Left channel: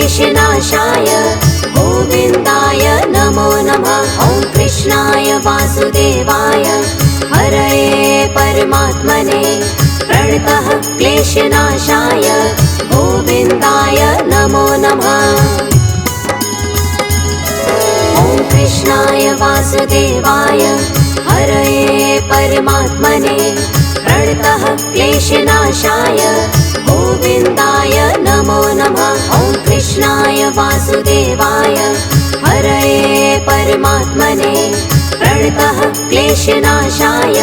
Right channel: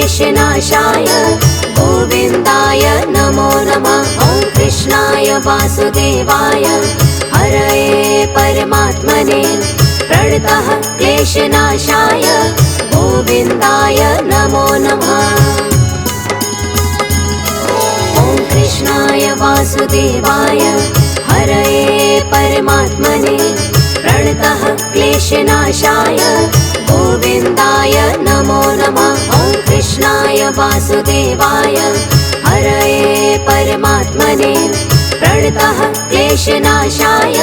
क्लेशनाशाय गोविन्दाय नमो नमः। ॐ कृष्णाय वासुदेवाय हरये परमात्मने प्रणतः क्लेशनाशाय गोविन्दाय नमो नमः। ॐ कृष्णाय वासुदेवाय हरये परमात्मने प्रणतः क्लेशनाशाय गोविन्दाय नमो नमः। ॐ कृष्णाय वासुदेवाय हरये परमात्मने प्रणतः क्लेशनाशाय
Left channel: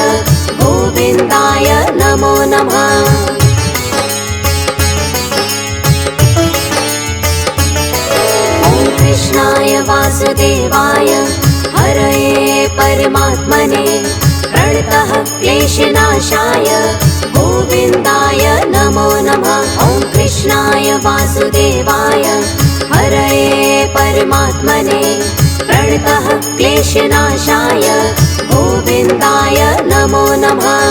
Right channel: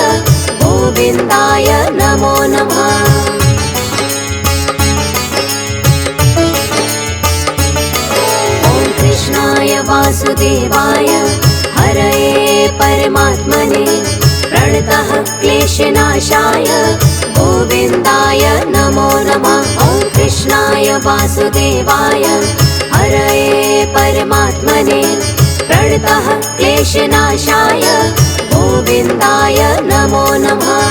गोविन्दाय नमो नमः। ॐ कृष्णाय वासुदेवाय हरये परमात्मने प्रणतः क्लेशनाशाय गोविन्दाय नमो नमः। ॐ कृष्णाय वासुदेवाय हरये परमात्मने प्रणतः क्लेशनाशाय गोविन्दाय नमो नमः।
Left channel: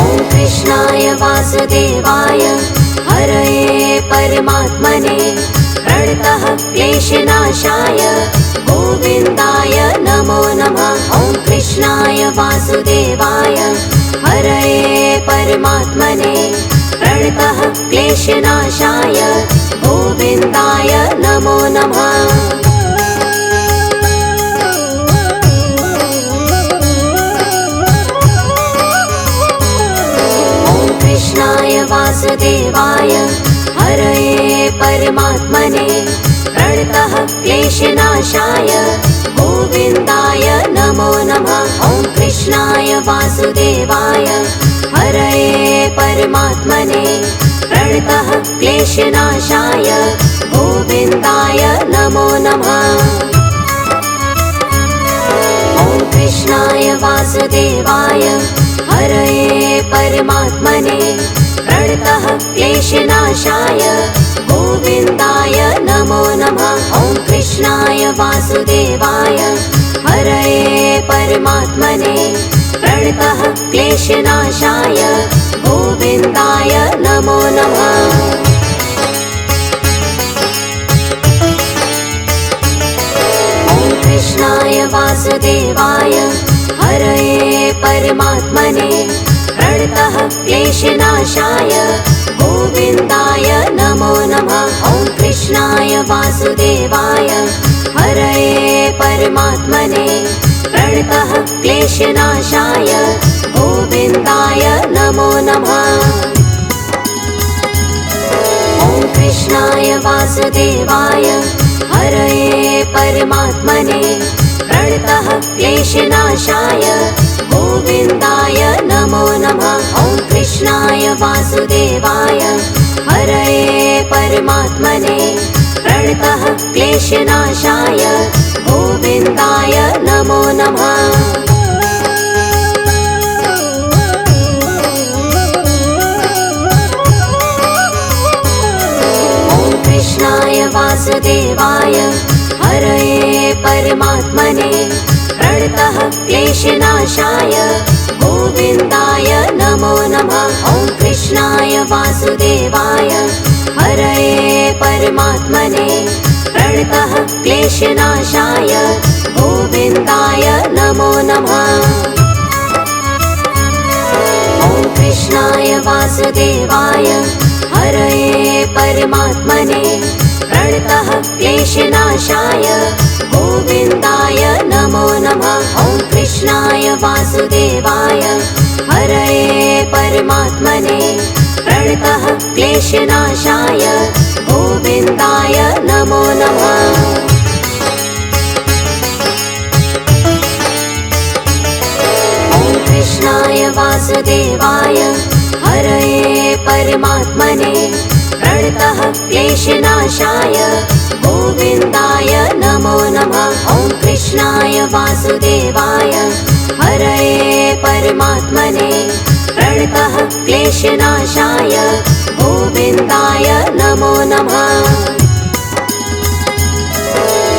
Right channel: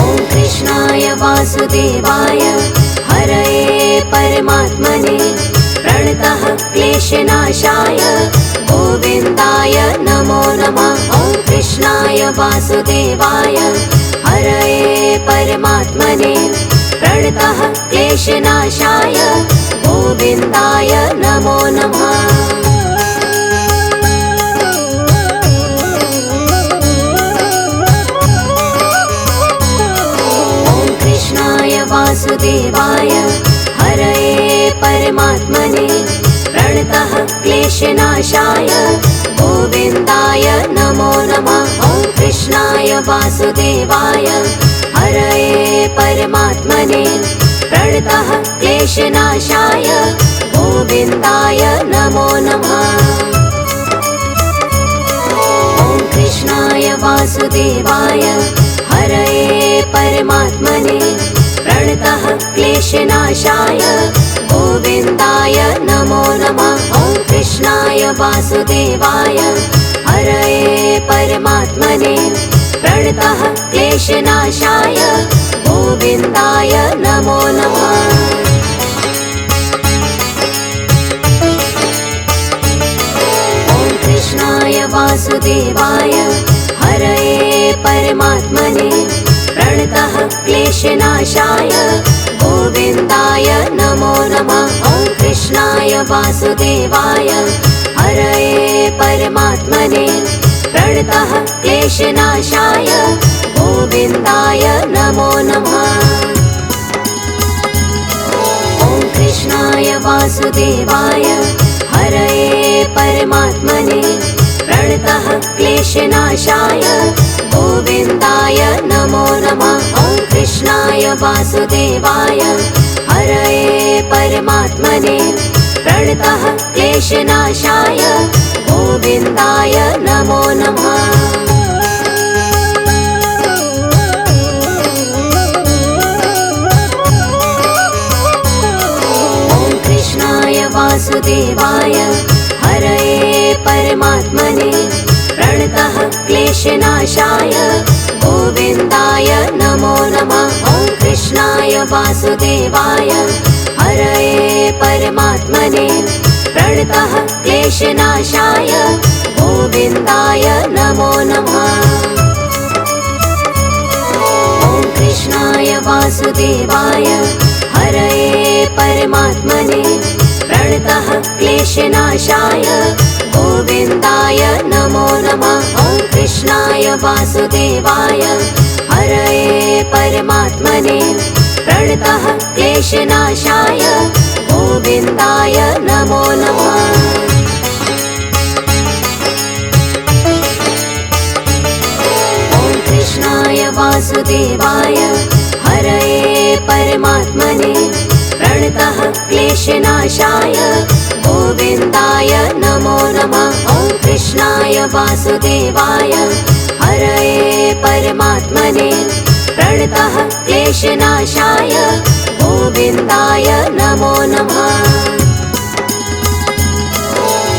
ॐ कृष्णाय वासुदेवाय हरये परमात्मने प्रणतः क्लेशनाशाय गोविन्दाय नमो नमः। ॐ कृष्णाय वासुदेवाय हरये परमात्मने प्रणतः क्लेशनाशाय गोविन्दाय नमो नमः। ॐ कृष्णाय वासुदेवाय हरये परमात्मने प्रणतः क्लेशनाशाय गोविन्दाय नमो नमः। ॐ कृष्णाय वासुदेवाय हरये परमात्मने प्रणतः क्लेशनाशाय गोविन्दाय नमो नमः। ॐ कृष्णाय वासुदेवाय हरये परमात्मने प्रणतः क्लेशनाशाय गोविन्दाय नमो नमः। ॐ कृष्णाय वासुदेवाय हरये परमात्मने प्रणतः क्लेशनाशाय गोविन्दाय नमो नमः। ॐ कृष्णाय वासुदेवाय हरये परमात्मने प्रणतः क्लेशनाशाय गोविन्दाय नमो नमः। ॐ कृष्णाय वासुदेवाय हरये परमात्मने प्रणतः क्लेशनाशाय गोविन्दाय नमो नमः। ॐ कृष्णाय वासुदेवाय हरये परमात्मने प्रणतः क्लेशनाशाय गोविन्दाय नमो नमः। ॐ कृष्णाय वासुदेवाय हरये परमात्मने प्रणतः क्लेशनाशाय गोविन्दाय नमो नमः। ॐ कृष्णाय वासुदेवाय हरये परमात्मने प्रणतः क्लेशनाशाय गोविन्दाय नमो नमः। ॐ कृष्णाय वासुदेवाय हरये परमात्मने प्रणतः क्लेशनाशाय गोविन्दाय नमो नमः। ॐ कृष्णाय वासुदेवाय हरये परमात्मने प्रणतः क्लेशनाशाय गोविन्दाय नमो नमः। ॐ कृष्णाय वासुदेवाय हरये परमात्मने प्रणतः क्लेशनाशाय गोविन्दाय नमो नमः। ॐ कृष्णाय वासुदेवाय हरये परमात्मने प्रणतः क्लेशनाशाय गोविन्दाय नमो नमः। ॐ कृष्णाय वासुदेवाय हरये परमात्मने प्रणतः क्लेशनाशाय गोविन्दाय नमो नमः।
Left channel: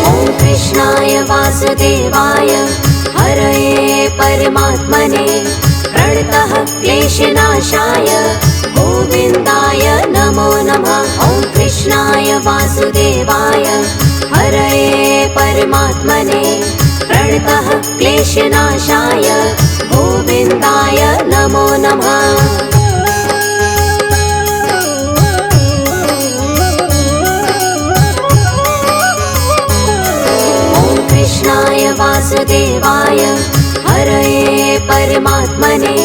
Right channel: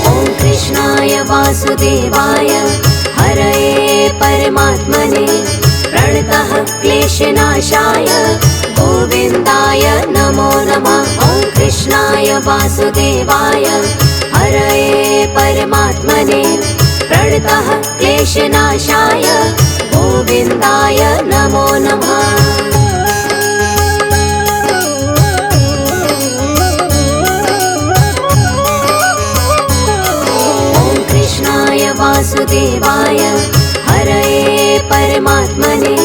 ॐ कृष्णाय वासुदेवाय हरये परमात्मने प्रणतः क्लेशनाशाय गोविन्दाय नमो नमः। वासुदेवाय हरये परमात्मने प्रणतः क्लेशनाशाय गोविन्दाय नमो नमः। वासुदेवाय हरये परमात्मने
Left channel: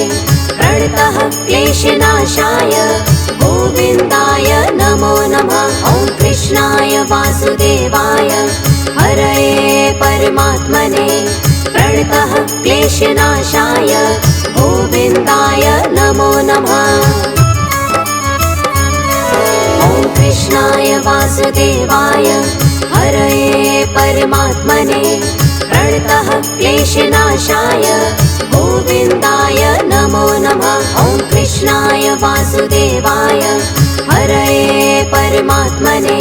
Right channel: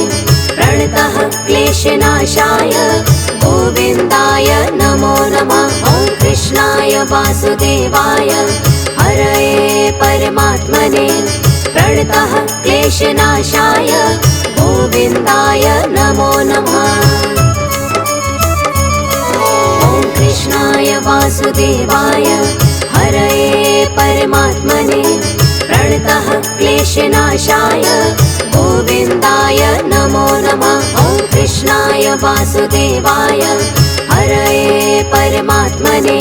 प्रणतः क्लेशनाशाय गोविन्दाय नमो नमः। ॐ कृष्णाय वासुदेवाय हरये परमात्मने प्रणतः क्लेशनाशाय गोविन्दाय नमो नमः। ॐ कृष्णाय वासुदेवाय हरये परमात्मने प्रणतः क्लेशनाशाय गोविन्दाय नमो नमः। ॐ कृष्णाय वासुदेवाय हरये परमात्मने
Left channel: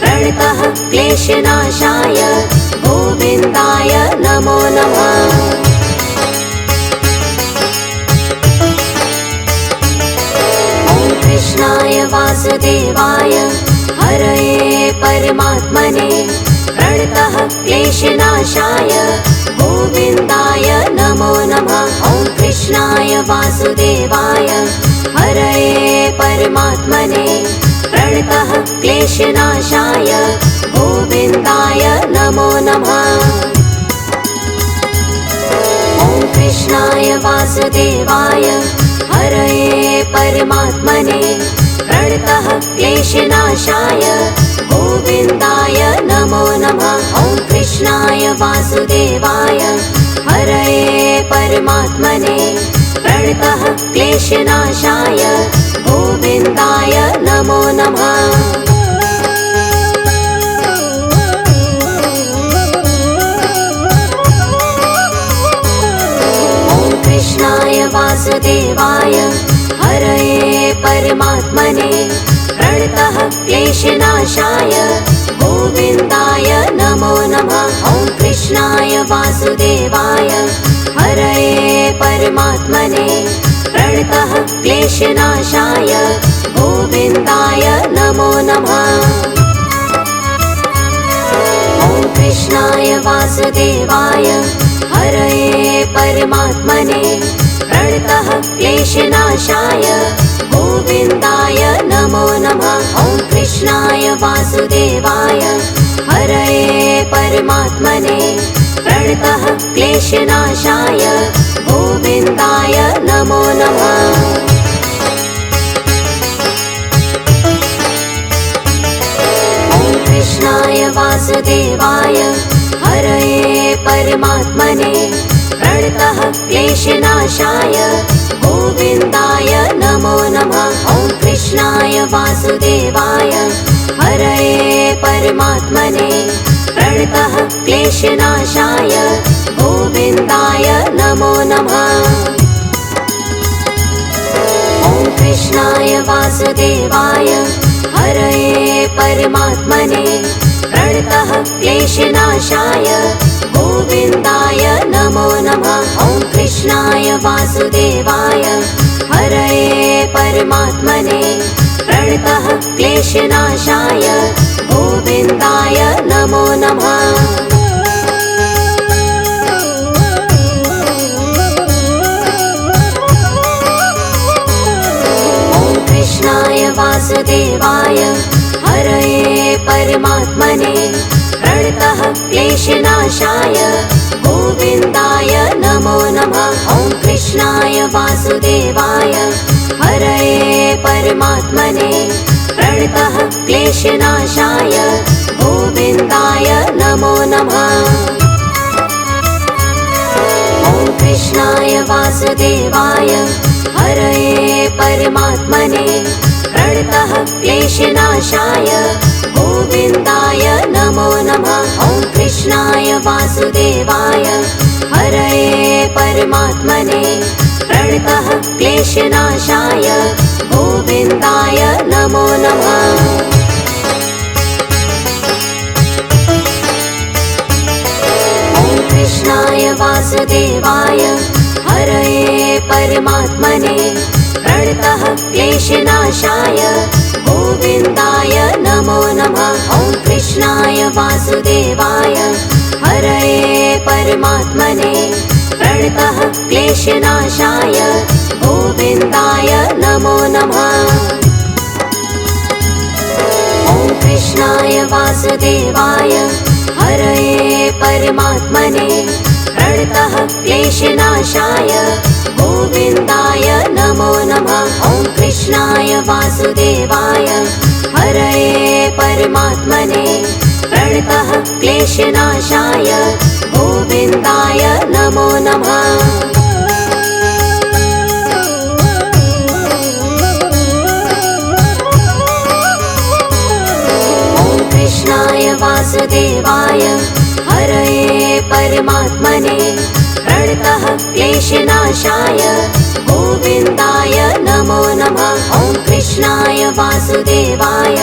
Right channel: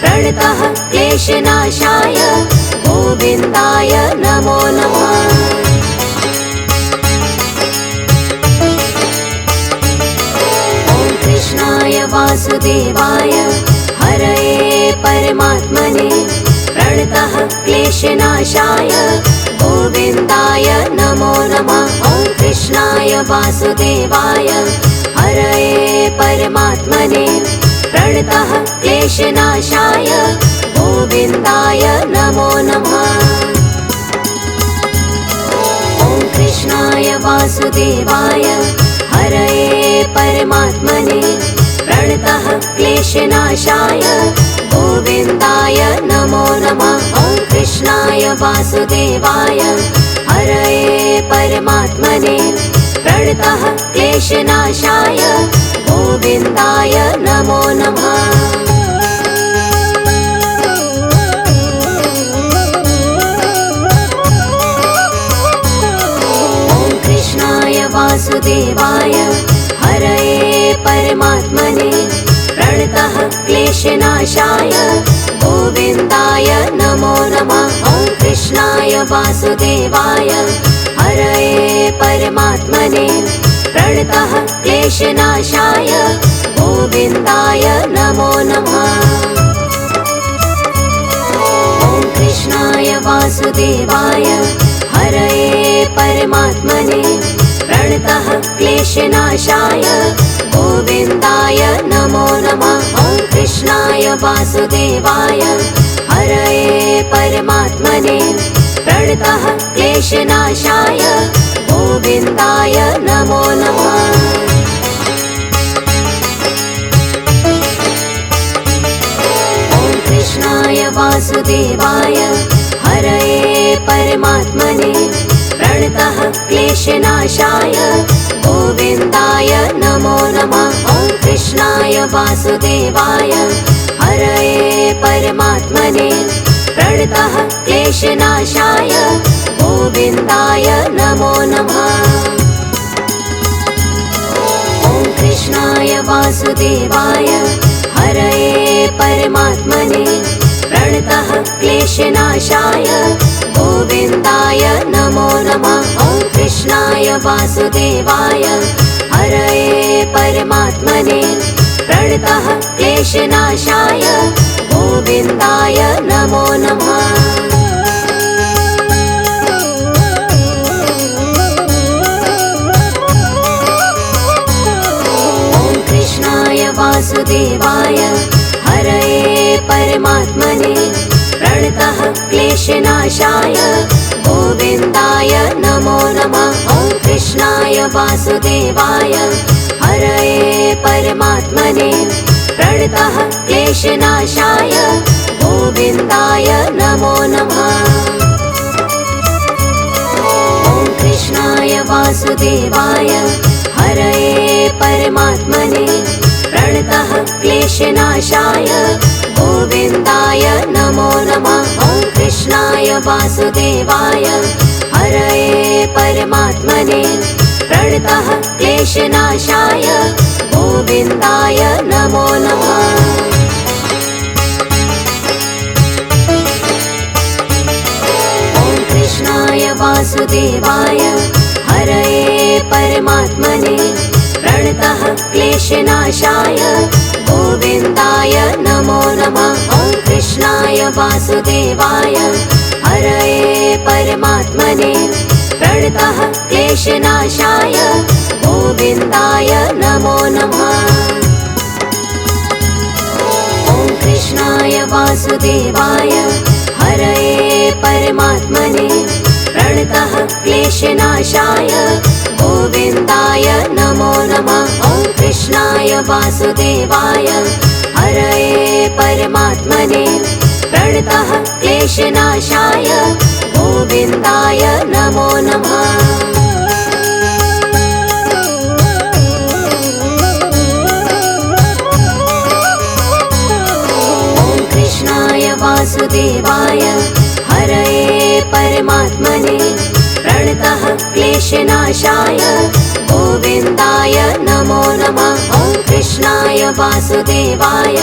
प्रणतः क्लेशनाशाय गोविन्दाय नमो नमः। ॐ कृष्णाय वासुदेवाय हरये परमात्मने प्रणतः क्लेशनाशाय गोविन्दाय नमो नमः। ॐ कृष्णाय वासुदेवाय हरये परमात्मने प्रणतः क्लेशनाशाय गोविन्दाय नमो नमः। ॐ कृष्णाय वासुदेवाय हरये परमात्मने प्रणतः क्लेशनाशाय गोविन्दाय नमो नमः। ॐ कृष्णाय वासुदेवाय हरये परमात्मने प्रणतः क्लेशनाशाय गोविन्दाय नमो नमः। ॐ कृष्णाय वासुदेवाय हरये परमात्मने प्रणतः क्लेशनाशाय गोविन्दाय नमो नमः। ॐ कृष्णाय वासुदेवाय हरये परमात्मने प्रणतः क्लेशनाशाय गोविन्दाय नमो नमः। ॐ कृष्णाय वासुदेवाय हरये परमात्मने प्रणतः क्लेशनाशाय गोविन्दाय नमो नमः। ॐ कृष्णाय वासुदेवाय हरये परमात्मने प्रणतः क्लेशनाशाय गोविन्दाय नमो नमः। ॐ कृष्णाय वासुदेवाय हरये परमात्मने प्रणतः क्लेशनाशाय गोविन्दाय नमो नमः। ॐ कृष्णाय वासुदेवाय हरये परमात्मने प्रणतः क्लेशनाशाय गोविन्दाय नमो नमः। ॐ कृष्णाय वासुदेवाय हरये परमात्मने प्रणतः क्लेशनाशाय गोविन्दाय नमो नमः। ॐ कृष्णाय वासुदेवाय हरये परमात्मने प्रणतः क्लेशनाशाय गोविन्दाय नमो नमः। ॐ कृष्णाय वासुदेवाय हरये परमात्मने प्रणतः क्लेशनाशाय गोविन्दाय नमो नमः। ॐ कृष्णाय वासुदेवाय हरये परमात्मने प्रणतः क्लेशनाशाय गोविन्दाय नमो नमः। ॐ कृष्णाय वासुदेवाय हरये परमात्मने प्रणतः क्लेशनाशाय गोविन्दाय नमो नमः। ॐ कृष्णाय वासुदेवाय हरये परमात्मने प्रणतः क्लेशनाशाय गोविन्दाय नमो नमः। ॐ कृष्णाय वासुदेवाय हरये परमात्मने प्रणतः क्लेशनाशाय गोविन्दाय नमो नमः। ॐ वासुदेवाय हरये परमात्मने प्रणतः क्लेशनाशाय गोविन्दाय नमो नमः। ॐ कृष्णाय वासुदेवाय हरये परमात्मने प्रणतः क्लेशनाशाय गोविन्दाय नमो नमः। ॐ कृष्णाय वासुदेवाय हरये परमात्मने प्रणतः क्लेशनाशाय गोविन्दाय नमो नमः। ॐ कृष्णाय वासुदेवाय हरये परमात्मने प्रणतः क्लेशनाशाय गोविन्दाय नमो नमः। ॐ कृष्णाय वासुदेवाय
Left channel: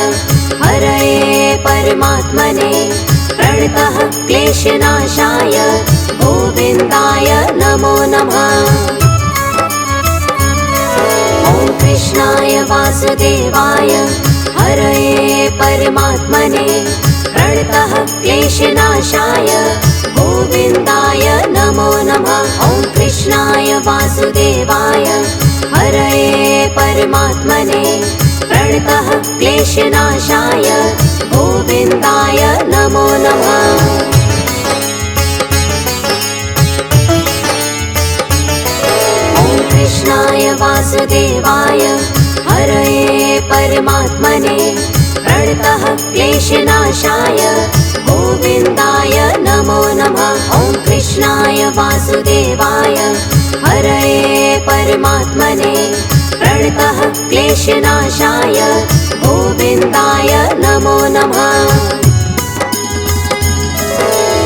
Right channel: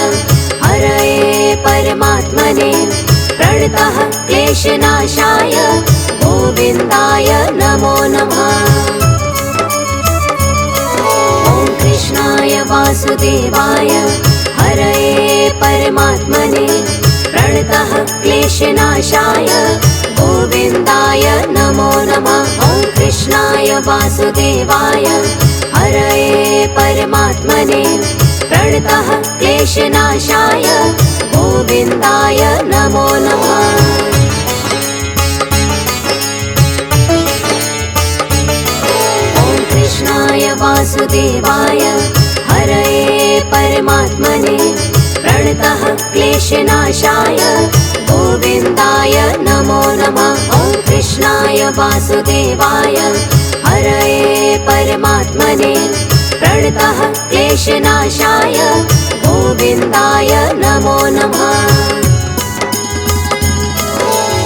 हरये परमात्मने प्रणतः क्लेशनाशाय गोविन्दाय नमो नमः। ॐ कृष्णाय वासुदेवाय हरये परमात्मने प्रणतः क्लेशनाशाय गोविन्दाय नमो नमः। ॐ कृष्णाय वासुदेवाय हरये परमात्मने प्रणतः क्लेशनाशाय गोविन्दाय नमो नमः। ॐ कृष्णाय वासुदेवाय हरये परमात्मने प्रणतः क्लेशनाशाय गोविन्दाय नमो नमः। ॐ कृष्णाय वासुदेवाय हरये परमात्मने प्रणतः क्लेशनाशाय गोविन्दाय नमो नमः।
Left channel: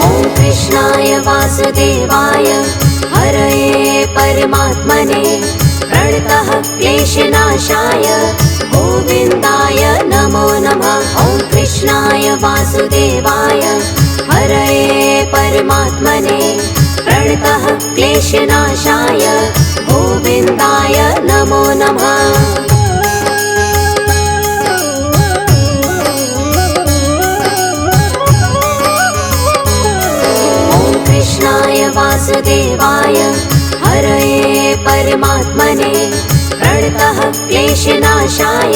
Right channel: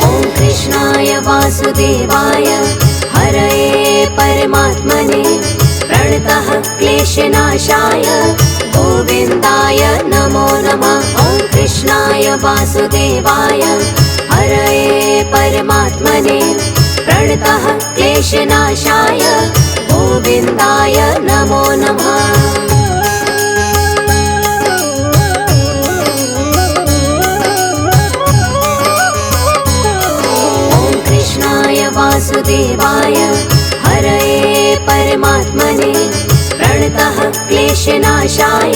ॐ कृष्णाय वासुदेवाय हरये परमात्मने प्रणतः क्लेशनाशाय गोविन्दाय नमो नमः। ॐ कृष्णाय वासुदेवाय हरये परमात्मने प्रणतः क्लेशनाशाय गोविन्दाय नमो नमः। ॐ कृष्णाय वासुदेवाय हरये परमात्मने प्रणतः क्लेशनाशाय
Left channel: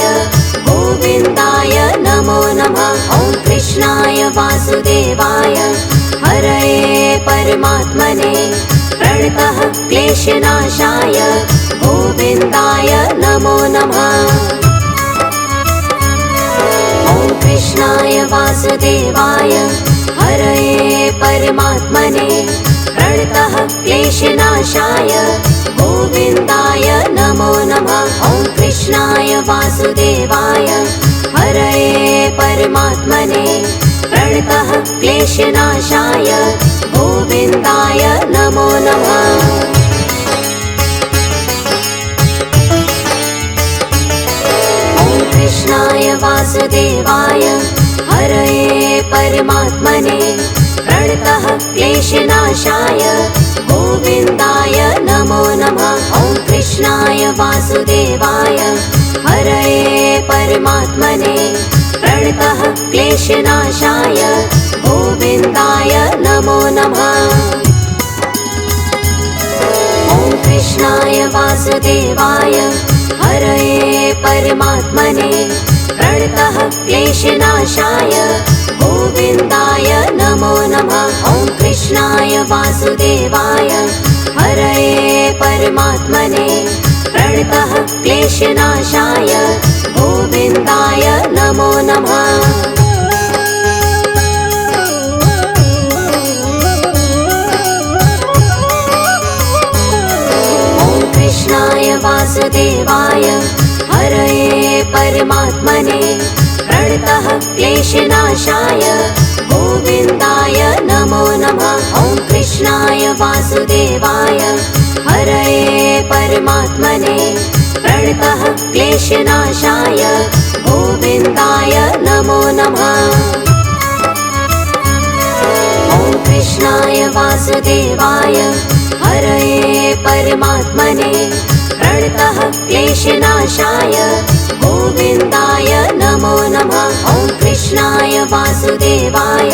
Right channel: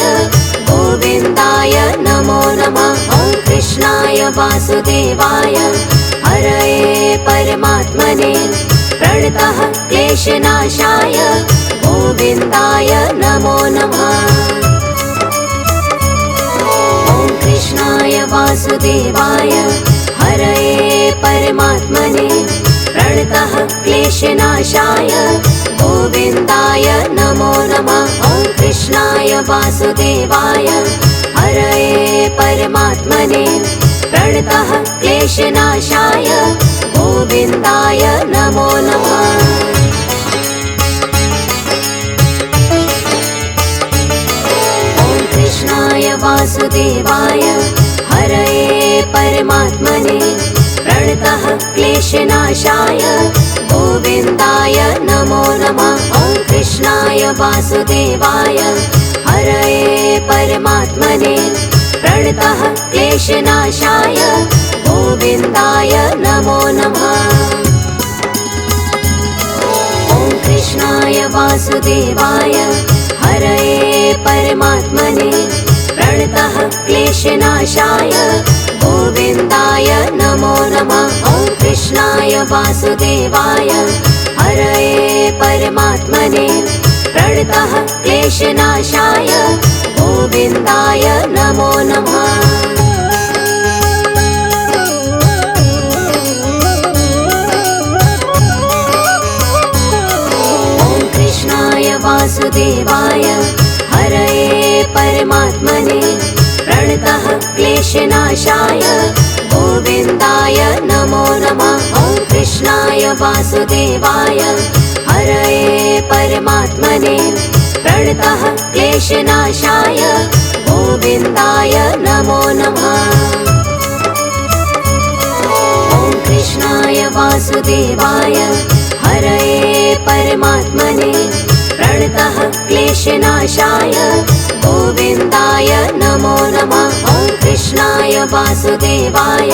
गोविन्दाय नमो नमः। ॐ कृष्णाय वासुदेवाय हरये परमात्मने प्रणतः क्लेशनाशाय गोविन्दाय नमो नमः। ॐ कृष्णाय वासुदेवाय हरये परमात्मने प्रणतः क्लेशनाशाय गोविन्दाय नमो नमः। ॐ कृष्णाय वासुदेवाय हरये परमात्मने प्रणतः क्लेशनाशाय गोविन्दाय नमो नमः। ॐ कृष्णाय वासुदेवाय हरये परमात्मने प्रणतः क्लेशनाशाय गोविन्दाय नमो नमः। ॐ कृष्णाय वासुदेवाय हरये परमात्मने प्रणतः क्लेशनाशाय गोविन्दाय नमो नमः। ॐ कृष्णाय वासुदेवाय हरये परमात्मने प्रणतः क्लेशनाशाय गोविन्दाय नमो नमः। ॐ कृष्णाय वासुदेवाय हरये परमात्मने प्रणतः क्लेशनाशाय गोविन्दाय नमो नमः। ॐ कृष्णाय वासुदेवाय हरये परमात्मने प्रणतः क्लेशनाशाय गोविन्दाय नमो नमः। ॐ कृष्णाय वासुदेवाय हरये परमात्मने प्रणतः क्लेशनाशाय गोविन्दाय नमो नमः। ॐ कृष्णाय वासुदेवाय हरये परमात्मने प्रणतः क्लेशनाशाय गोविन्दाय नमो नमः। ॐ कृष्णाय वासुदेवाय वासुदेवाय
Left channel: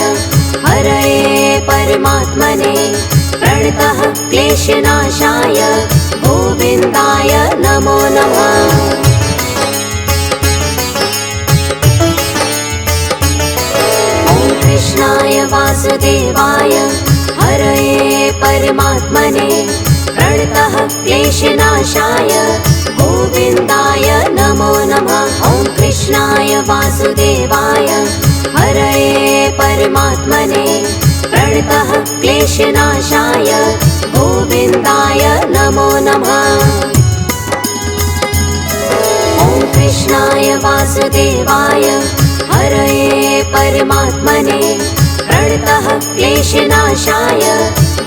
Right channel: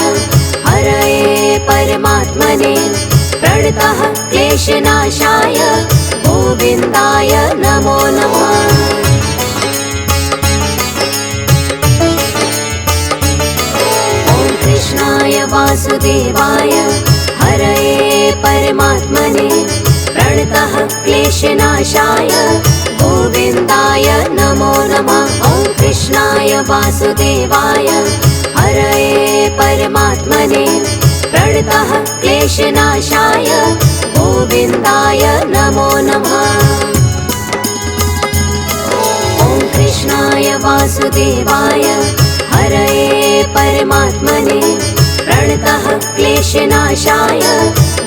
हरये परमात्मने प्रणतः क्लेशनाशाय गोविन्दाय नमो नमः। कृष्णाय वासुदेवाय हरये परमात्मने प्रणतः क्लेशनाशाय गोविन्दाय नमो नमः। ॐ कृष्णाय वासुदेवाय हरये परमात्मने प्रणतः क्लेशनाशाय गोविन्दाय नमो नमः। ॐ कृष्णाय वासुदेवाय हरये परमात्मने प्रणतः क्लेशनाशाय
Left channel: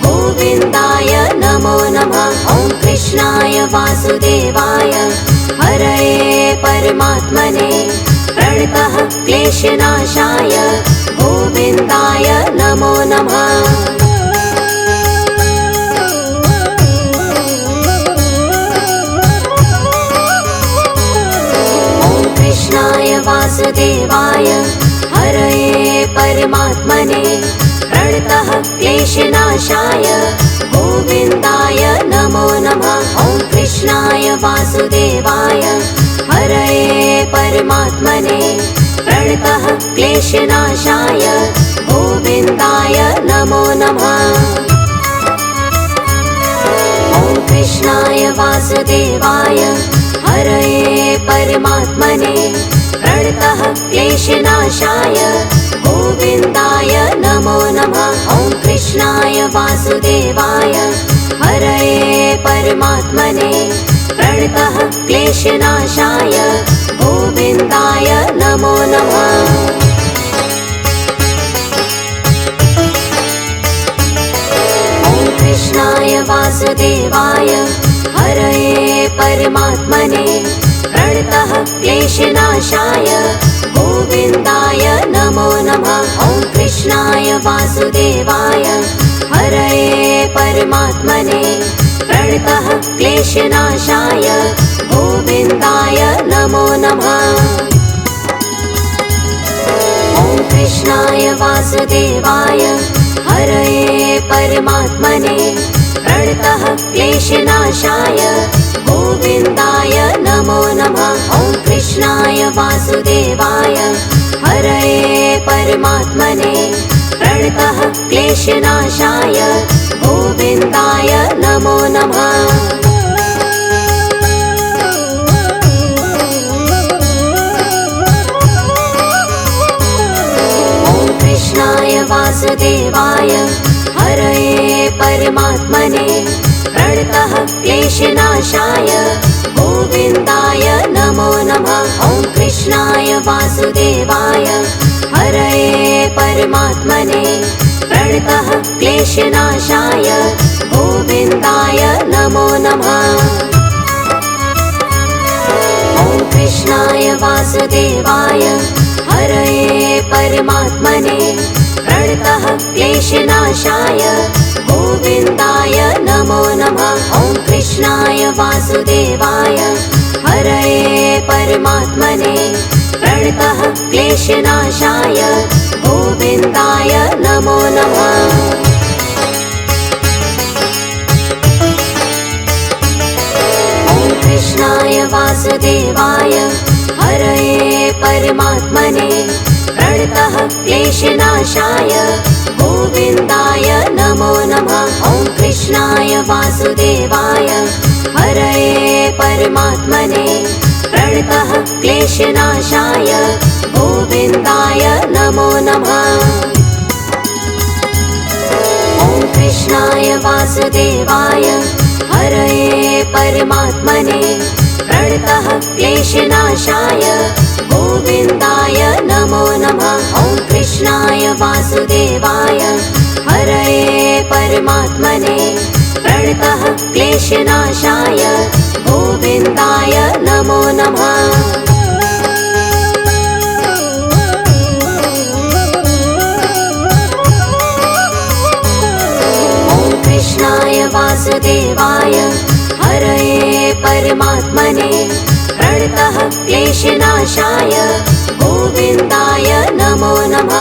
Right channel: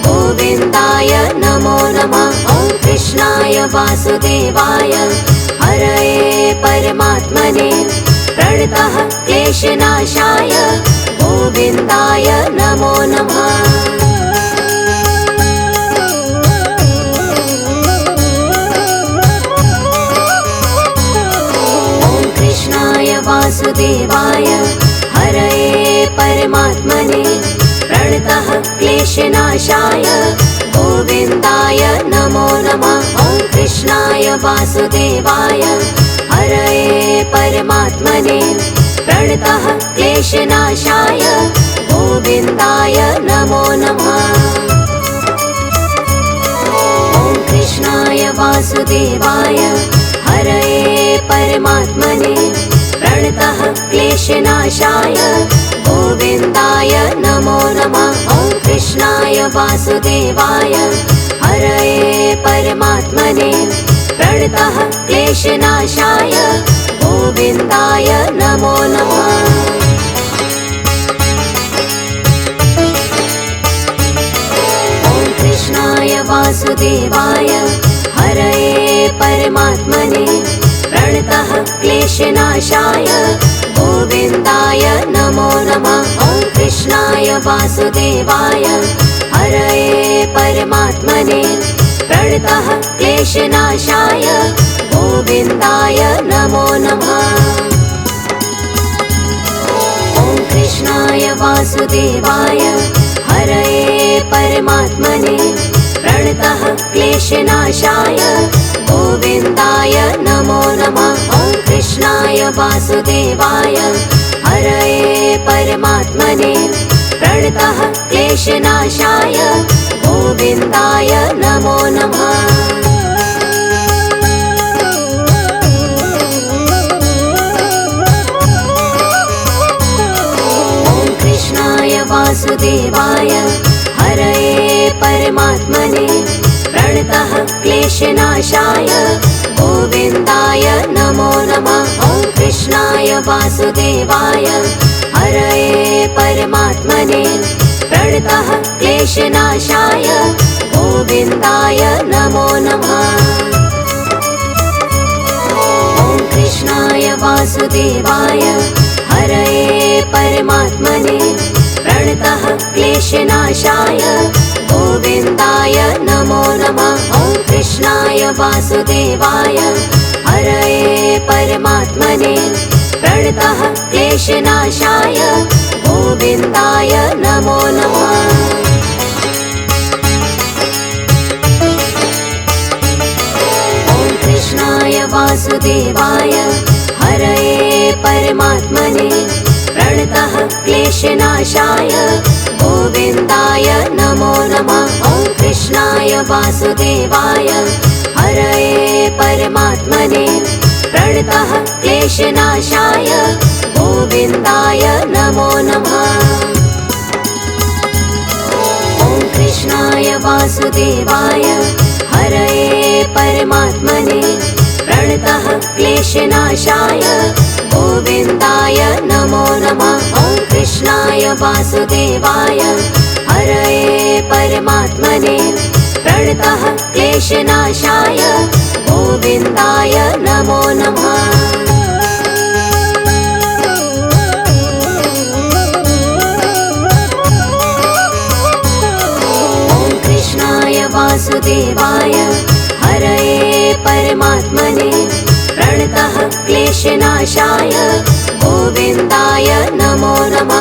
गोविन्दाय नमो नमः। ॐ कृष्णाय वासुदेवाय हरये परमात्मने प्रणतः क्लेशनाशाय गोविन्दाय नमो नमः। वासुदेवाय हरये परमात्मने प्रणतः क्लेशनाशाय गोविन्दाय नमो नमः। ॐ कृष्णाय वासुदेवाय हरये परमात्मने प्रणतः क्लेशनाशाय गोविन्दाय नमो नमः। ॐ कृष्णाय वासुदेवाय हरये परमात्मने प्रणतः क्लेशनाशाय गोविन्दाय नमो नमः। ॐ कृष्णाय वासुदेवाय हरये परमात्मने प्रणतः क्लेशनाशाय गोविन्दाय नमो नमः। ॐ कृष्णाय वासुदेवाय हरये परमात्मने प्रणतः क्लेशनाशाय गोविन्दाय नमो नमः। ॐ कृष्णाय वासुदेवाय हरये परमात्मने प्रणतः क्लेशनाशाय गोविन्दाय नमो नमः। ॐ कृष्णाय वासुदेवाय हरये परमात्मने प्रणतः क्लेशनाशाय गोविन्दाय नमो नमः। ॐ कृष्णाय वासुदेवाय हरये परमात्मने प्रणतः क्लेशनाशाय गोविन्दाय नमो नमः। ॐ कृष्णाय वासुदेवाय हरये परमात्मने प्रणतः क्लेशनाशाय गोविन्दाय नमो नमः। ॐ कृष्णाय वासुदेवाय हरये परमात्मने प्रणतः क्लेशनाशाय गोविन्दाय नमो नमः। ॐ कृष्णाय वासुदेवाय हरये परमात्मने प्रणतः क्लेशनाशाय गोविन्दाय नमो नमः। ॐ कृष्णाय वासुदेवाय हरये परमात्मने प्रणतः क्लेशनाशाय गोविन्दाय नमो नमः। ॐ कृष्णाय वासुदेवाय हरये परमात्मने प्रणतः क्लेशनाशाय गोविन्दाय नमो नमः। ॐ कृष्णाय वासुदेवाय हरये परमात्मने प्रणतः क्लेशनाशाय गोविन्दाय नमो नमः। ॐ कृष्णाय वासुदेवाय हरये परमात्मने प्रणतः क्लेशनाशाय गोविन्दाय नमो नमः। ॐ कृष्णाय वासुदेवाय हरये परमात्मने प्रणतः क्लेशनाशाय गोविन्दाय नमो नमः। ॐ कृष्णाय वासुदेवाय हरये परमात्मने प्रणतः क्लेशनाशाय गोविन्दाय नमो नमः।